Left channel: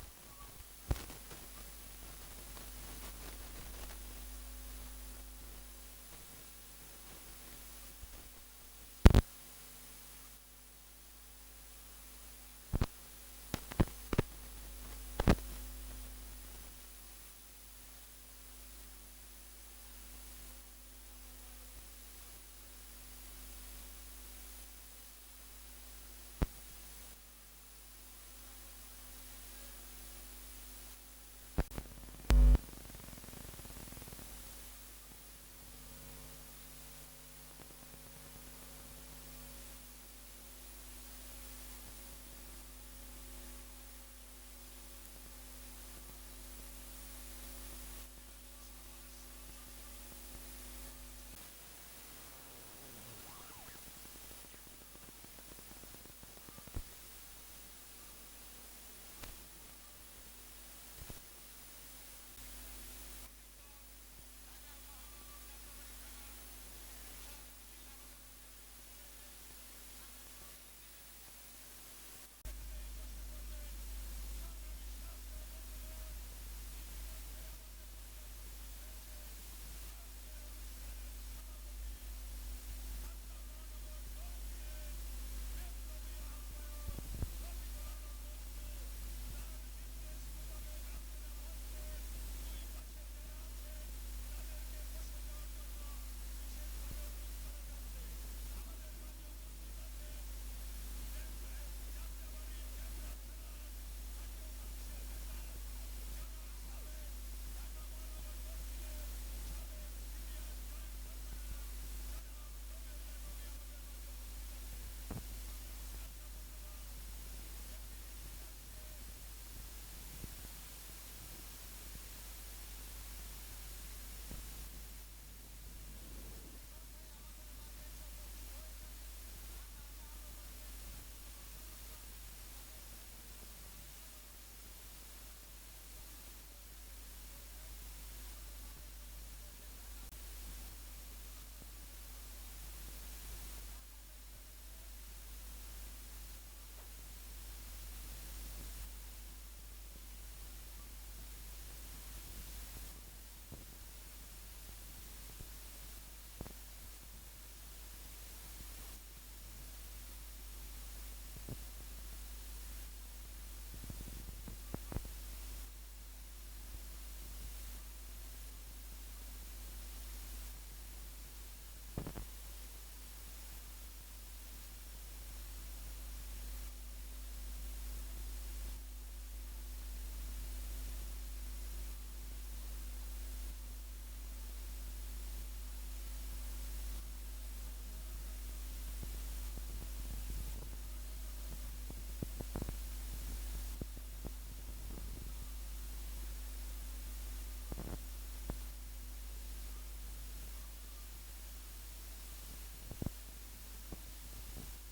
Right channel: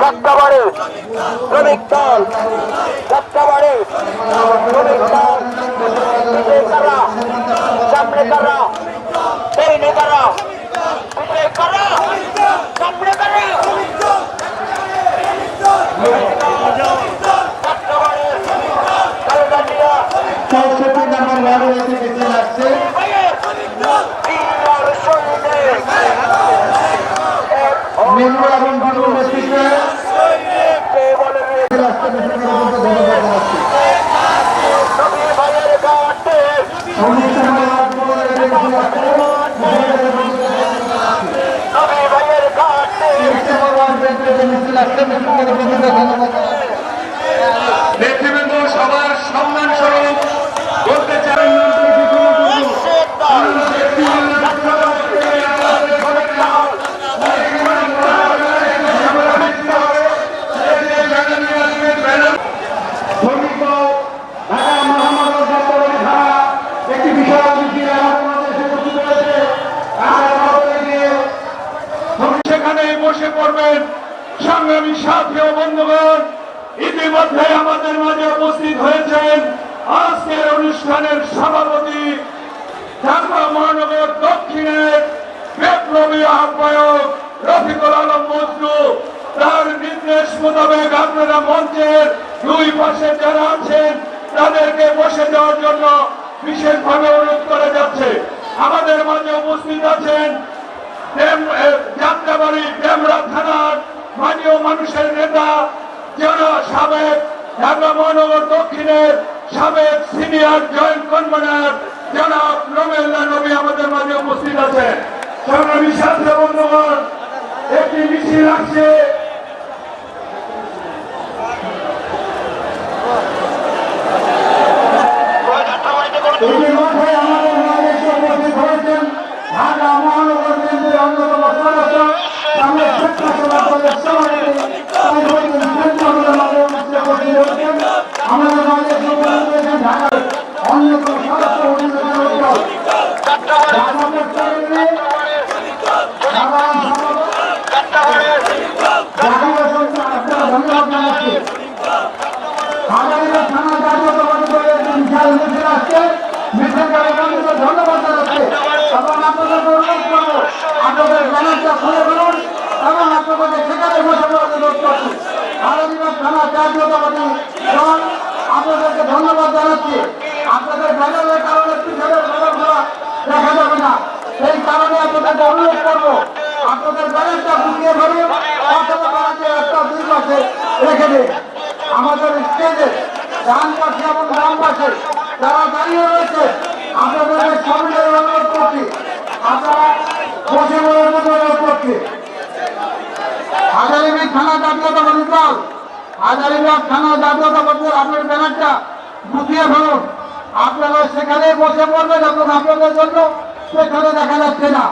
যাত্রাবাড়ি শ্রমিক দল যাত্রাবাড়ি শ্রমিক দল নেতারা সামনে তারা সেই নেতারা নেতৃবৃন্দ সবার সম্মান স্বরূপ বলতে চাই সেখানে বসে পড়বেন সংগ্রামী সাথী ও বন্ধুগণ, ইতিমধ্যে আমাদের মাঝে উপস্থিত হয়েছেন আজকের অনুষ্ঠানের সভাপতি ঢাকা মহানগর দক্ষিণের বিপ্লবী আহ্বায়ক রফিকুল আলম মজনু। তার নির্দেশ মোতাবেক আপনারা মঞ্চের দুই পাশে যারা আছেন, তাদেরকে বসে যাওয়ার জন্য বিশেষভাবে অনুরোধ করা যাচ্ছে। আমাদের মাঝে উপস্থিত আছেন যাত্রাবাড়ি ডেমরা থানার মাননীয় মানুষের নেতা, যারা সাবেক ঢাকা মহানগর দক্ষিণের সাবেক সিনিয়র জয়েন্ট কনভেনার যারা রমেল্লা নবী আমাদের মাঝে উপস্থিত আছেন। সংগ্রামী বিশ্বাস বন্ধুগণ, একটি মিছিল আসছে। ধন্যবাদ জানাচ্ছি। এবং আপনাদেরকে করব, আপনাদের ব্যানারটা খুলে ফেলুন এবং আপনাদেরকে সেখানে বসে অনুরোধ করছি। হাজারিবাগ থানা জাতীয়তাবাদী দল, আপনাদেরকে ধন্যবাদ জানাচ্ছি। আপনাদের ব্যানারের কারণে পিছনের ব্যানারগুলো দেখা যাবে না। সেই কারণে আপনাদেরকে অনুরোধ করব, আপনাদের ব্যানারটা অথবা ব্যানারটা একটা দুই পাশে রেখে দিন। আমাদের স্টেজে ডান পাশে এবং বাম পাশে যারা দাঁড়িয়ে রয়েছে আপনাদের সামনে অনুরোধ করছি। আপনারা করছি। হাজারিবাগ থানা জাতীয়তাবাদী দল হাজারিবাগ থানা জাতীয়তাবাদী দল, আপনার ব্যানারটা গুছিয়ে ফেলুন। আপনারা সেখানে বসে পড়বেন এবং আপনাদের জন্য সেখানে দেখা যাচ্ছে না।